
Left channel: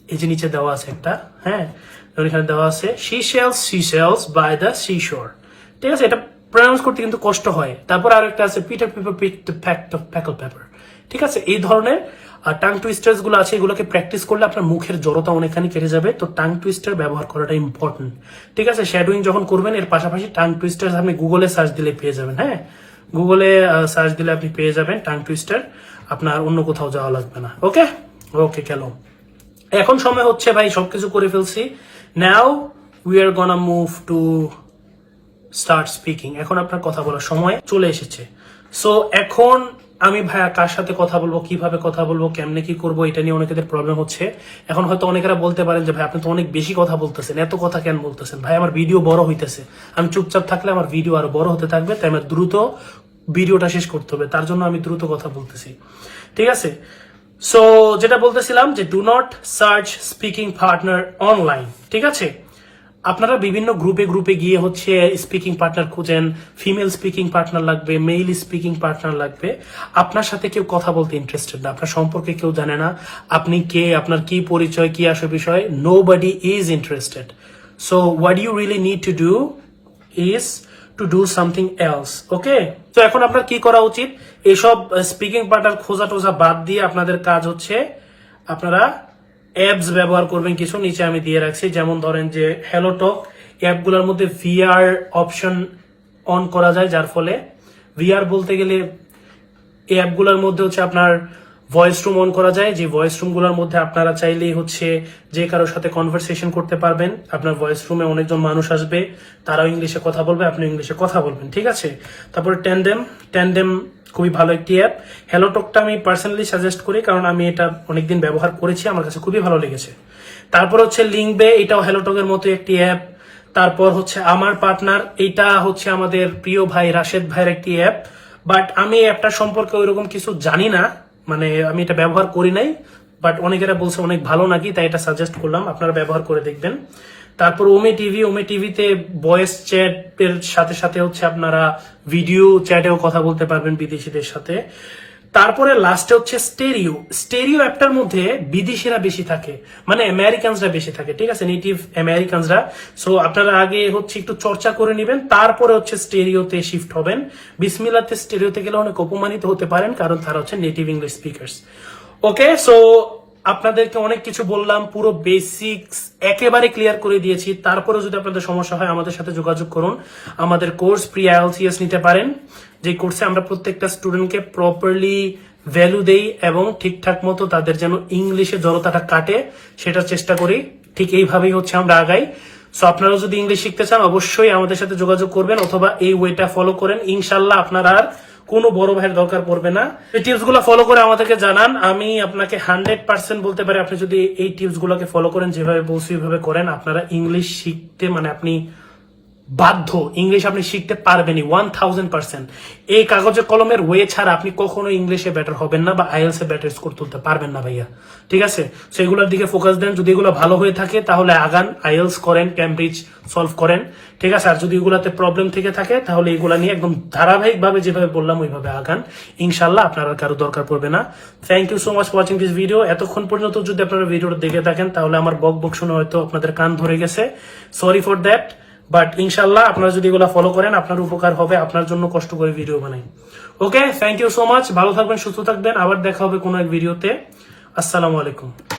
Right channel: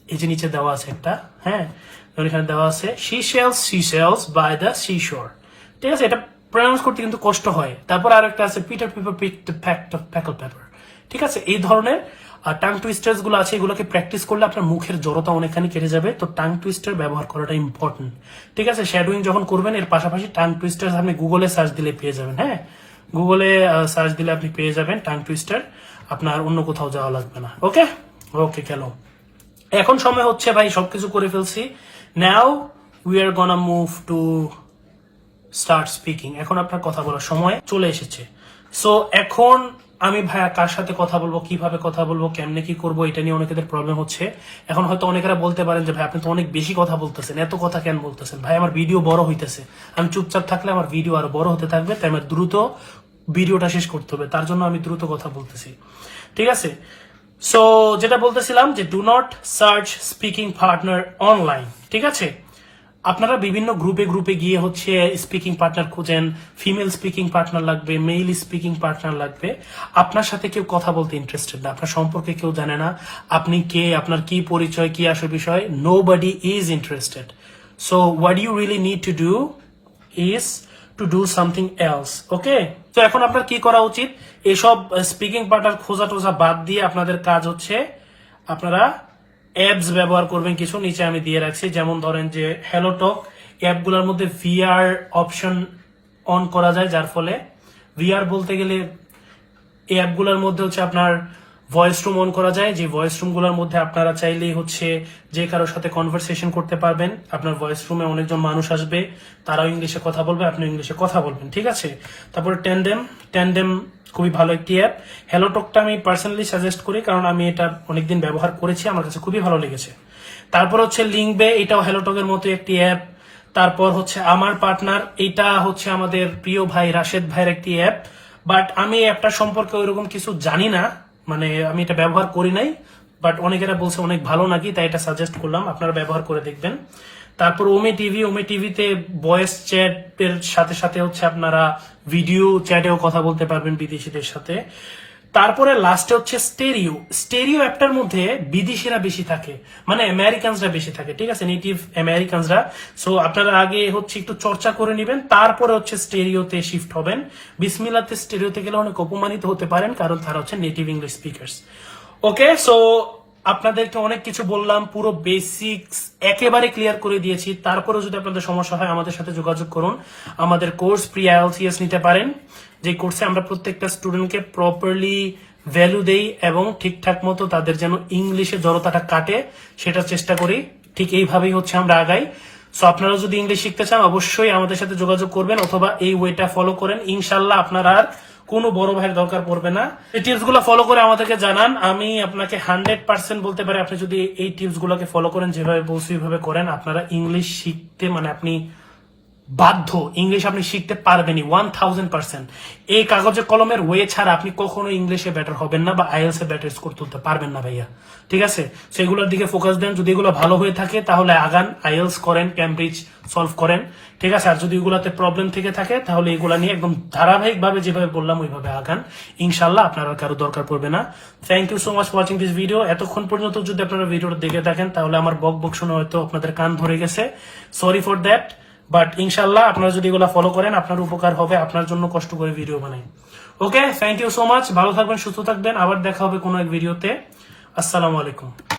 এই যে নিচে দেওয়া আছে একটা, হ্যাঁ এখানে দেওয়া আছে she sells by the seashore। ঠিক আছে, এটা প্রনাউন্স করতে কিন্তু কষ্ট হয়। তারপর আরেকটা আছে Peter Piper pick the pickle pepper. ঠিক আছে, এই ধরনের টাং টুইস্টার্স গুলো আছে, এগুলোকে প্র্যাকটিস করলে আপনার মুখের জড়তা অনেকখানি কেটে যাবে। তো টাং টুইস্টার ব্যবহার করাটা ইম্পর্টেন্ট। ঠিক আছে, শ্যাডোইং যখন করবেন এর পাশাপাশি টাং টুইস্টার আপনি গুগলে সার্চ দিলে পেয়ে যাবেন। হ্যাঁ, গুগলে সার্চ দিলে আপনি পেয়ে যাবেন টাং টুইস্টার, আপনার অন্য কোথাও যাওয়া লাগবে না। ওকে ওকে, গেল। এখন সময় হচ্ছে ভাই সবকিছু করে ফেলছি, now we are gonna move to start speaking. এখন আপনার কথা বলার সময় চলে এসেছে। সো এখন আমি ভাইয়া কার সাথে কথা বলবো, কিভাবে কথা বলবো, কেমনে কি করবো, এটা নিয়ে অনেকেদের প্রবলেম হচ্ছে। এখন হয়তো অনেকেরা বলতে পারেন যে ভাই আপনি তো অনেক বেশি কথা বলতেছেন, এত কথা কেন বলতেছেন? ভাই আমার ভিডিও বড় হইতেছে, আমি চুপচাপ থাকলে আমার ভিডিও আরো বড় হতে থাকবে, তাই আমার দ্রুত ভিডিওটা শেষ করতে হবে, তার জন্য আমি দ্রুত কথা বলতেছি। ঠিক আছে, সো যেটা বলতেছিলাম যে do not search speaking partner online. ঠিক আছে, আপনারা বিভিন্ন গ্রুপে গিয়ে হচ্ছে স্পিকিং পার্টনার খুঁজেন, ফিমেল স্পিকিং পার্টনার লাগবে, মেল স্পিকিং পার্টনার লাগবে। আপনার সাথে কেউ কথা বলতে ইন্টারেস্টেড না, আপনার সম্পর্কে কেউ জানে না, আপনি কে, আপনার কি পরিচয়, কি আসল বিষয়, nobody is interested. So what you really need to do is to do something else. Okay, তো এখন আপনার কি করা উচিত? এসব স্পিকিং পার্টনার খোঁজা টোজা বাদ দিয়ে আপনাদের কাজ হচ্ছে আপনারা অ্যাপস ব্যবহার করবেন কিছু, নিচে আমি দিয়ে রাখছি। যেমন ধরেন যে হ্যালো টক, অ্যাপগুলোর মধ্যে ভিআর অপশন অন করা যায়, যার ফলে ভিআর বলতে গেলে এই অ্যাপগুলোর মধ্যে হচ্ছে আপনার ভয়েস রুম অন করা যায়, যে ভয়েস রুম গুলোর মধ্যে আপনারা চাইলেই হচ্ছে যে কারোর সাথে কনভারসেশন করতে পারবেন। আপনার ভয়েস রুমে অনেকজন মানুষ আসবে, তারাও ইংলিশে কথা বলবে, আপনি ইংলিশে কথা বলবেন। ঠিক আছে, তারপরে ট্যান্ডেম খুবই ভালো একটি অ্যাপ। হ্যালো টকটা আমি পার্সোনালি সাজেস্ট করি, কারণ আমি এটা অনেকদিন ব্যবহার করেছি, আমার কাছে খুবই ভালো লেগেছে। তারপর হচ্ছে লিঙ্কবে, এটাও হ্যালো টকের মতো একটি অ্যাপ। তারপর হচ্ছে আমার পার্টনার, এটা হচ্ছে আমাদের প্রিয় ভাই রাশেদ ভাইয়ের একটি অ্যাপ, বাট আমি এই অ্যাপটা সম্পর্কে ওইরকম কিছু জানি না, মানে আমি এটা ব্যবহার করি নাই, বাট অনেকেরা বলছে অনেক ভালো নাকি, তাই এটা সাজেস্ট করলাম, আপনারা ব্যবহার করে দেখবেন। তারপর ওমে টিভিতে ভয়েস চ্যাট এর সাথে সাথে হচ্ছে আপনারা ভিডিও চ্যাটেও কথা বলতে পারবেন বিদেশিদের সাথে। তারপরে লাস্টে হচ্ছে স্টেরিও অ্যাপটার মধ্যে বিদেশিরা বেশি থাকে, মানে আমেরিকানসরা বেশি থাকে। ঠিক আছে, নেটিভ আমেরিকানসরা। সো আপনারা আগে হচ্ছে একটু চর্চা করে নেবেন, তারপরে হচ্ছে স্টেরিওতে শিফট হবেন। বিসমিল্লাতে স্টেরিওতে গেলে অনেক অপমানিত হতে পারেন, কারণ তারা হচ্ছে নেটিভ ইংলিশ স্পিকার্স। ওকে, সো আপনাদেরকে অনেক কিছু বললাম, পুরো বেসিক্স একেবারে ক্লিয়ার করে দিয়েছি। তারপরে যদি আপনাদের সমস্যা হয় আমাদের সাথে যোগাযোগ করুন। আমাদের কোর্স প্রি আইএলটিএস নিতে পারেন, যে কোর্সে আমরা প্রত্যেকটা স্টুডেন্টকে প্রপারলি ভ্যালু দেই এবং ঠিকঠাক মতো তাদের যেন ইংলিশে জড়তাটা কাটে সেটা চেষ্টা করি। ঠিক এইভাবেই হচ্ছে আমরা আগাই। সো আপনারা যদি ইংলিশ শিখতে চান অবশ্যই আমাদের সাথে যোগাযোগ করবেন, অথবা এই ওয়েটা ফলো করেন। ইনশাল্লাহ আপনারা আর কোনো বড় ভাইয়ের দরকার পড়বে না। এই টিপস গুলো ফলো করে আমাদেরকে জানান। আমি আপনাকে 100% বলতে পারি, আপনি যদি এই টিপস গুলোকে ফলো করেন, যেভাবে বলছি ওইভাবে করেন, আপনারা ইংলিশ শিখতে মানে আপনি বাধ্য, ইংলিশ আপনি শিখতে পারবেনই 1000%। এই কাগজে কলমের ওয়ে ছাড়া আপনি কখনো ইংলিশে বেটার হবেন না বা আইএলস এ বেটার স্কোর তুলতে পারবেন না ভাইয়া। ঠিক আছে, সেগুলোর দিকে ফোকাস দেন। যদি এগুলো ভালো হয়ে থাকে তাহলে আগান, আইএলস করেন, ক্যামব্রিজ সলভ করেন। ঠিক আছে, আর যদি এগুলাতে প্রবলেম থেকে থাকে তাহলে এগুলা নিয়ে একদম ধারাবাহিক ভাবে যেভাবে বললাম ওইভাবে আগান। ইনশাল্লাহ আপনার আর কারো দরকার পড়বে না। Thank you so much for watching this video. এতক্ষণ পর্যন্ত যদি আপনারা ভিডিওটা দেখে থাকেন তাহলে আমার বক শুনে হয়তো আপনাদের কান ধরে গেছে, সরি ফর দ্যাট। বাট ইনশাল্লাহ আপনারা যদি এগুলো ফলো করেন আপনার উপকার হবে, আপনার জন্য কষ্ট করে ভিডিও বানাই। ওকে, থ্যাংক ইউ সো মাচ, ভালো থাকবেন, সুস্থ থাকবেন, আবার দেখা হবে কোনো এক ভিডিওতে। আসসালামু আলাইকুম।